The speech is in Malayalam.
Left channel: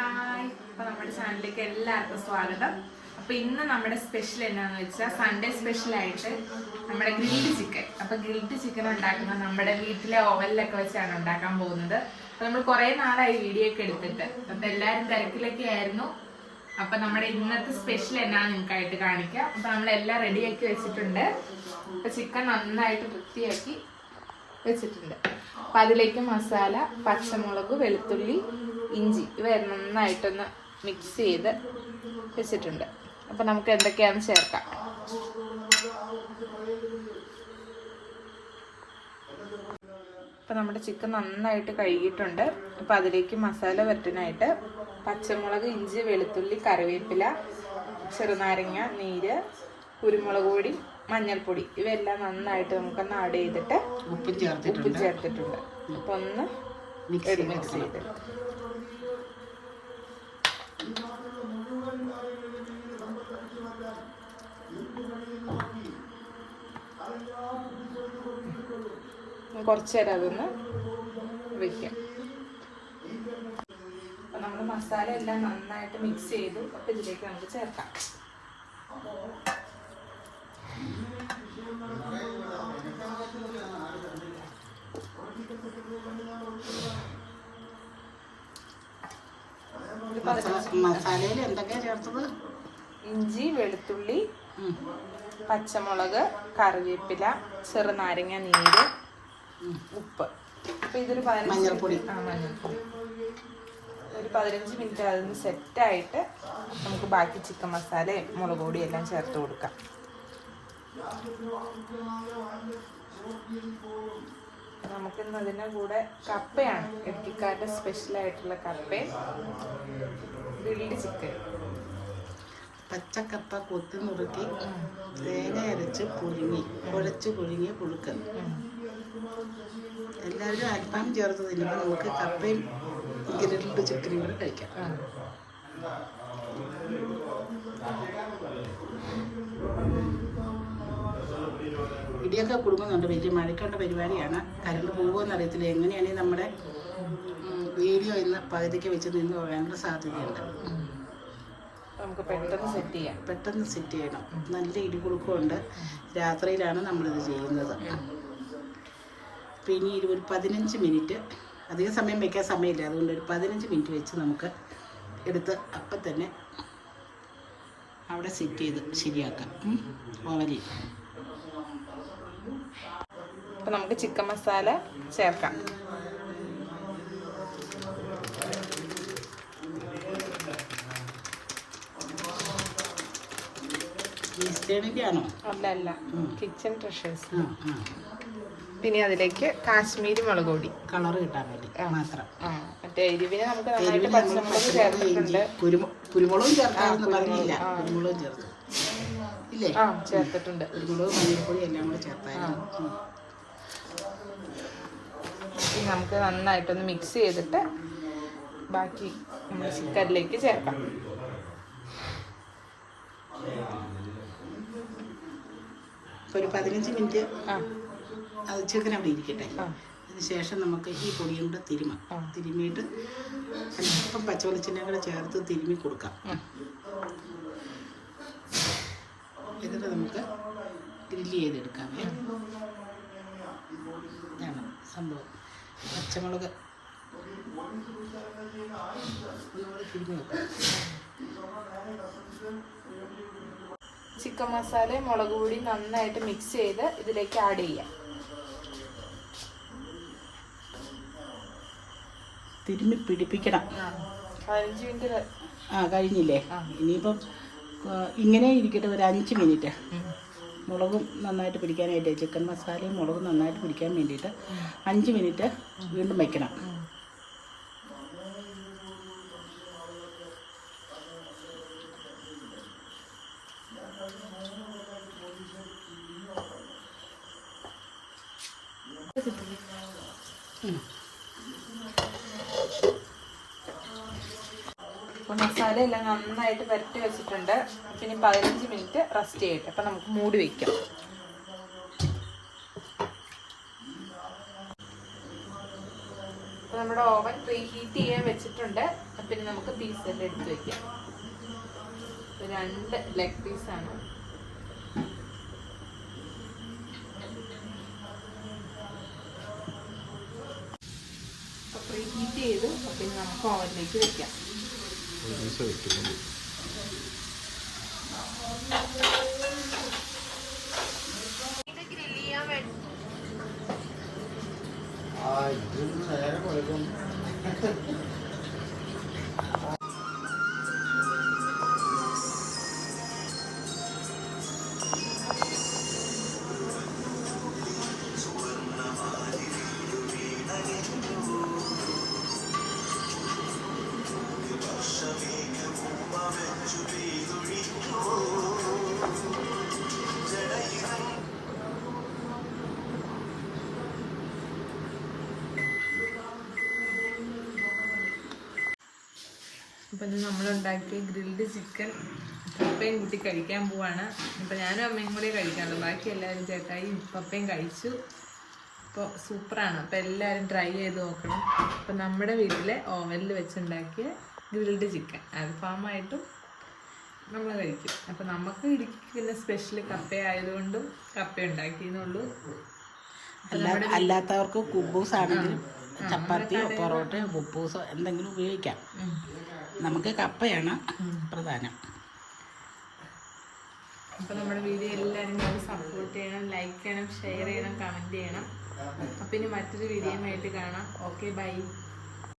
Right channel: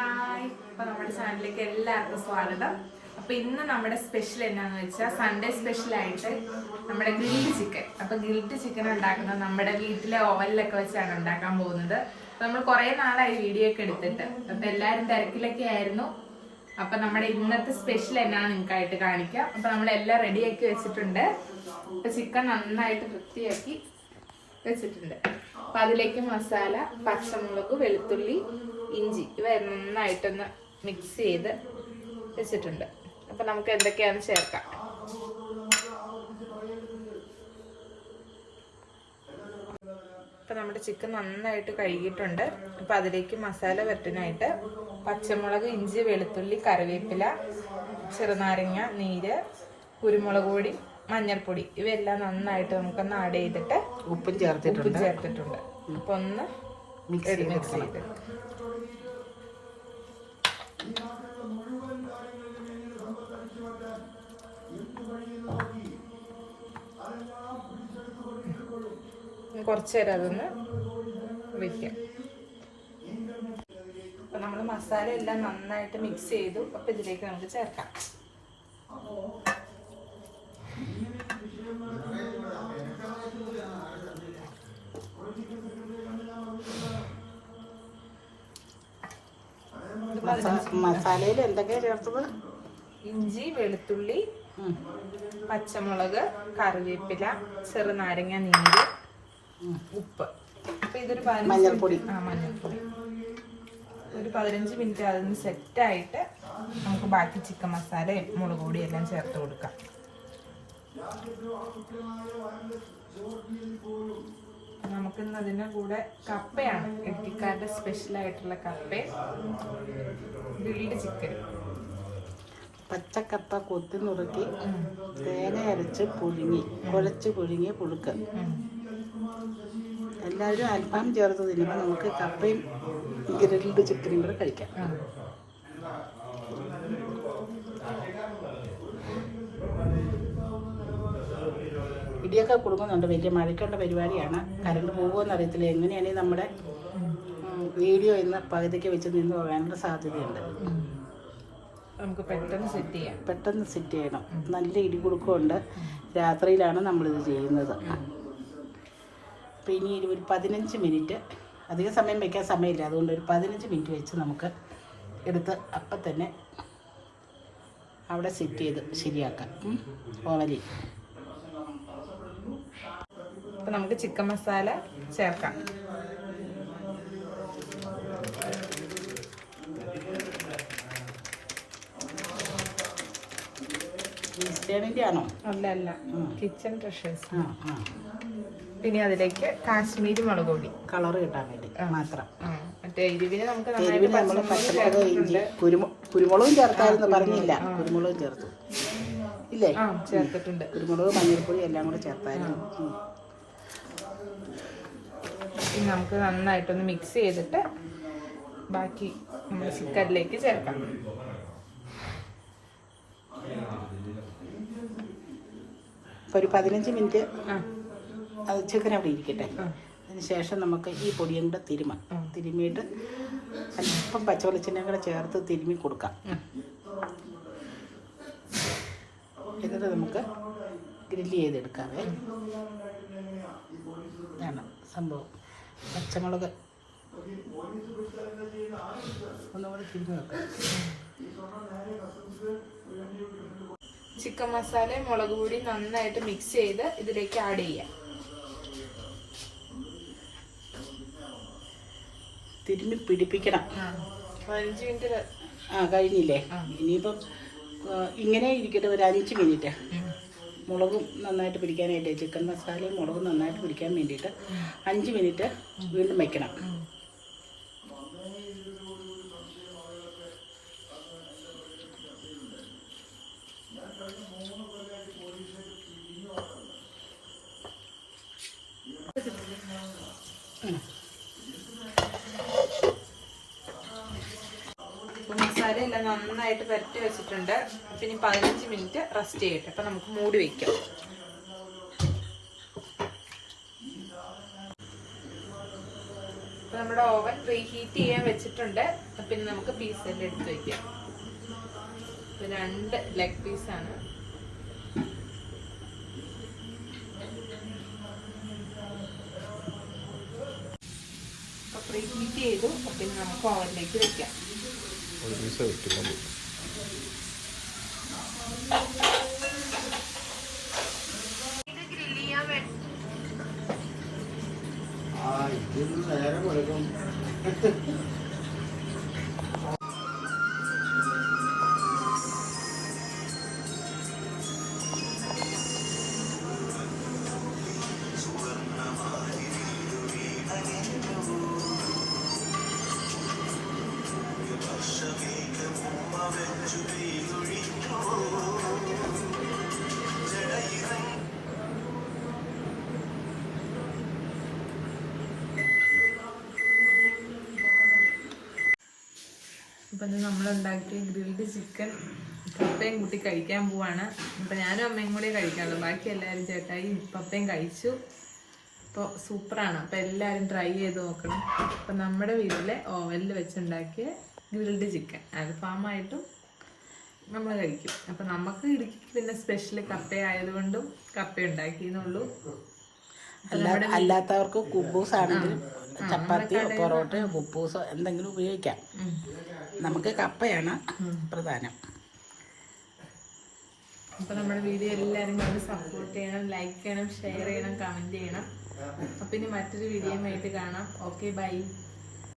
ഹായ്. അപ്പൊ നമ്മുടെ ചാനലിലേക്ക് എല്ലാവർക്കും സ്വാഗതം. അപ്പൊ ഇന്ന് നമ്മുടെ സ്പെഷ്യൽ എന്നാന്ന് വെച്ചാൽ സൺഡേ സ്പെഷ്യൽ ആയിട്ട് നമ്മുടെ ഗ്രിൽഡ് ചിക്കൻ അപ്പൊ ഗ്രിൽഡ് ചിക്കൻ ഉണ്ടാക്കുന്നത് നമ്മുടെ വീട്ടിലെ ഓവനിലൊക്കെ വെച്ചാണ് ഉണ്ടാക്കാൻ പോകുന്നത്. അപ്പൊ നമ്മൾ കുറെ നാളായി വീഡിയോ ഒക്കെ എടുത്തിട്ട്. അപ്പൊ എല്ലാരും തിരക്കിലൊക്കെ ആയിരുന്നു. അപ്പൊ നമ്മുടെ ഇന്നത്തെ സ്പെഷ്യൽ എന്നാന്ന് നിങ്ങൾക്കായിട്ട് കാണിക്കാം അപ്പൊ നമ്മളെല്ലാം റെഡിയാക്കി വെച്ചിട്ടുണ്ട്. അപ്പൊ ചിക്കൻ നന്നായിട്ട് വൃത്തിയാക്കി വെച്ചിട്ടുണ്ട്. അപ്പൊ അതിലേക്ക് മസാല പച്ചമുളക് വെളുത്തുള്ളി ഇഞ്ചി ഇവ നന്നായിട്ടൊന്ന് മിക്സ് ചെയ്ത് വെച്ചിട്ടുണ്ട്. അപ്പം നമുക്ക് എന്തൊക്കെയാണ് ചേർക്കാം. അപ്പം നമ്മുടെ ചിക്കൻ നന്നായിട്ട് കഴുകിയിട്ടുണ്ട്. അപ്പം അതിലേക്ക് മസാല വരട്ടിനായിട്ട് പച്ചമുളക് ഇഞ്ചി വെളുത്തുള്ളി കറിവേപ്പില ചെറുനാരങ്ങ നീര് കുരുമുളക് പൊടി മഞ്ഞൾപ്പൊടി ഇവയെല്ലാം നന്നായിട്ട് നമുക്കൊന്ന് ആഡ് ചെയ്തിട്ട് ഉപ്പും ചേർത്തിട്ടുണ്ട്. ചേർത്തിട്ടുണ്ട്. അപ്പൊ ഒന്ന് മിക്സ് ചെയ്ത് മിക്സ് ചെയ്ത് കുറച്ച് നേരം അതൊന്ന് വെക്കാം. അപ്പൊ നമ്മൾ മസാല എല്ലാം നന്നായിട്ട് മിക്സ് ചെയ്തു. അപ്പൊ ഇതിലേക്ക് നമുക്ക് ചേർക്കാം. മസാലയിൽ എന്തൊക്കെയാ ചേർത്തത്? ഇഞ്ചി വെളുത്തുള്ളി പച്ചമുളക് കറിവേപ്പില ചെറുനാരങ്ങ നീര്. ഉപ്പ്. അപ്പൊ ഇതൊരു മഞ്ഞൾപ്പൊടി. ഒരു പതിനഞ്ച് മിനിറ്റ് അതൊന്ന് സെറ്റ് ആയിട്ട് നമുക്ക് ബാക്കി ചിക്കൻ മസാലയും മുളക് പൊടിയും എല്ലാം ചേർത്ത് കൊടുക്കാം. നമുക്കിന്ന് അതിന്റെ കൂടെ കപ്പയാണ്. എട്ടിക്കാരുടെ സ്പെഷ്യൽ ആയിട്ടുള്ള കപ്പയും ബിൽഡ് ചിക്കൻ പച്ചക്കപ്പ കൊത്തി നുറുക്കി തേങ്ങ അരച്ച് പുഴുങ്ങി കുഴച്ച് പുഴുങ്ങി പുഴുക്ക്. എല്ലാവരും അൽഫാം ചേർത്ത് തിന്നുമ്പോൾ നമുക്ക് കപ്പയും ഗ്രിൽഡ് ചിക്കനും കൂടെ കഴിക്കാം. ഇടിയൊക്കെ കൊടുക്കുന്നുണ്ട് വലിയ മഴയ്ക്കുള്ള പരിപാടിയാണ്. കറണ്ട് പോകുമെന്ന് അറിയത്തില്ല. എങ്ങനെയാണെങ്കിൽ നമ്മുടെ വീഡിയോ ഇന്ന് പകുതിക്ക് വെച്ച് നിന്ന് പോകാനുള്ള സാധ്യതയുണ്ട്. നമുക്ക് പെട്ടെന്ന് സെറ്റ് ചെയ്യാം. പെട്ടെന്ന് സെറ്റ് ചെയ്യണം. നല്ല ഇടി കുടുക്കമുണ്ട് രാത്രിയിലാണ് നമ്മളിത് ചെയ്യുന്നത്. അപ്പോൾ ഇനി ഒരു പതിനഞ്ച് മിനിറ്റ് അധിക സമയം വയ്ക്കാൻ സമയമില്ല. അതുകൊണ്ട് ഒരു പതിനഞ്ച് മിനിറ്റ് വെച്ച് നമുക്ക് എടുത്ത് അപ്പം തന്നെ അവിടെ സെറ്റ് ചെയ്ത് ശരിയാക്കാം. ഓവലിൽ അപ്പോൾ നമുക്ക് ചിക്കൻ മസാല ചേർക്കാം. ഈസ്റ്റേണിന്റെ ആണോ? അല്ല അല്ല. കിച്ചൺ ട്രഷേഴ്സ് ആ ആ. പിന്നെ അതിലേക്ക് കാശ്മീരി മുളക് പൊടി. കളർ കിട്ടാൻ വേണ്ടി മാത്രം. ആ. മറ്റേ എരിവിന് നമുക്ക് കുരുമുളകും ചേർക്കാമെന്ന് പറഞ്ഞില്ല. കുരുമുളകും ചേർത്തു. ഇല്ലേ? ചേർത്തിട്ടുണ്ട്. കുരുമുളക് മഞ്ഞൾപ്പൊടി എല്ലാം കൂടെ ചേർത്തായിരുന്നു. നമുക്ക് നന്നായിട്ടൊന്ന് മിക്സ് ചെയ്തിട്ട് ബാക്കി ചിക്കനിലേക്ക് ചേർക്കാം. ഒരു പതിനഞ്ച് മിനിറ്റ് ആ. അത് ചിക്കൻ അവിടെ ഇരിക്കട്ടെ. അതിനുശേഷം നമുക്ക് ഈ പൊടിയും കൂടെ തിരുമ. തിരുമിയിട്ട് അല്പം പച്ചവെളിച്ചെണ്ണയും കൂടെ ചേർത്ത് തിരുമ്മി കൊടുക്കാം. എന്നിട്ട് നമുക്ക് ഗ്രില്ല് ചെയ്തെടുക്കാവേ. വേണം സംഭവം. പച്ചമുളക് ഒന്നുകൂടെ തിരുമ്മി വെക്കാം. ചിക്കൻ മസാലയും മുളക് പൊടി നന്നായിട്ട് മിക്സ് ചെയ്ത് ഇതിലേക്ക് ആഡ് ചെയ്യാം. തിരുമ്മി പിടിപ്പിക്കണം. ആ കഴിഞ്ഞില്ലേ. ഇനിയിപ്പം ഇങ്ങനെ ഇരിക്കട്ടെ ഒരു അഞ്ച് മിനിറ്റ്. മുളകും നന്നായിട്ട് പിടിക്കാനായിട്ട് ചിക്കൻ മസാലയും മുളകും നന്നായിട്ട് പിടിക്കാൻ വേണ്ടിയിട്ട് അഞ്ച് മിനിറ്റ് വീണ്ടും വയ്ക്കണം ഉം. എല്ലാം നന്നായിട്ട് പുരട്ടി വെച്ചിട്ടുണ്ട്. അപ്പം ഇനി പതിനഞ്ച് മിനിറ്റ് റെസ്റ്റ് ചെയ്യട്ടെ അപ്പം നമുക്ക് മൂടി വയ്ക്കാം അപ്പം നമ്മുടെ ഓവൻ ഹീറ്റ് ചെയ്യാൻ വെച്ചിട്ടുണ്ട്. അപ്പം നമുക്ക് പീസ് എല്ലാം എടുത്ത് വയ്ക്കാം രണ്ട് ലെഗ് പീസാണ് അപ്പോൾ ഹീറ്റ് ചെയ്തു. അപ്പം നമുക്ക് ഓവനിലേക്ക് വെക്കാം. ഒരു പീസ് വെക്കുന്നുള്ളൂ ഇപ്പൊ ഇത് നമ്മൾ ഉണ്ടാക്കിയ ഗ്രിൽഡ് ചിക്കൻ പപ്പയും കൂട്ടി കഴിക്കാൻ പോവാണ്. ഇപ്പം ഞാനും അമ്മയും കൂടി കഴിക്കാനുള്ളൂ. ബാക്കി എല്ലാവരും ചേട്ടായി പപ്പയും കഴിച്ചു. അപ്പോൾ സൂപ്പറാണ്. അപ്പോൾ എല്ലാവരും ട്രൈ ചെയ്ത് നോക്കണം. അപ്പം നമ്മുടെ വീട്ടിലെ ഓവനിൽ വെച്ചുണ്ടാക്കിയ ഗ്രിൽഡ് ചിക്കൻ. അൽഫാമായിട്ടും നമ്മൾ കഴിക്കും. അപ്പം നമുക്ക് ഇടുക്കിക്ക് പിന്നെ സ്പെഷ്യൽ കപ്പ ആയതുകൊണ്ടും കപ്പ ഉണ്ടാക്കിയെന്നുള്ളൂ. അല്ലാത്തവർക്ക് കുബൂസ് ആണെങ്കിലും ചപ്പാത്തിയോ പൊറോട്ടയോ കുബൂസോ എന്തെങ്കിലും ഉപയോഗിക്കാം. നമുക്ക് കപ്പയാണ് പ്രധാനം. അപ്പോൾ നമ്മുടെ വീഡിയോ എല്ലാവരും കൂടി സപ്പോർട്ട് ചെയ്യണം ലൈക്ക് ചെയ്യണം ഷെയർ ചെയ്യണം കമന്റ് ചെയ്യണം. അപ്പം ഇനി മറ്റൊരു വീഡിയോയുമായിട്ട് കാണാം. Okay bye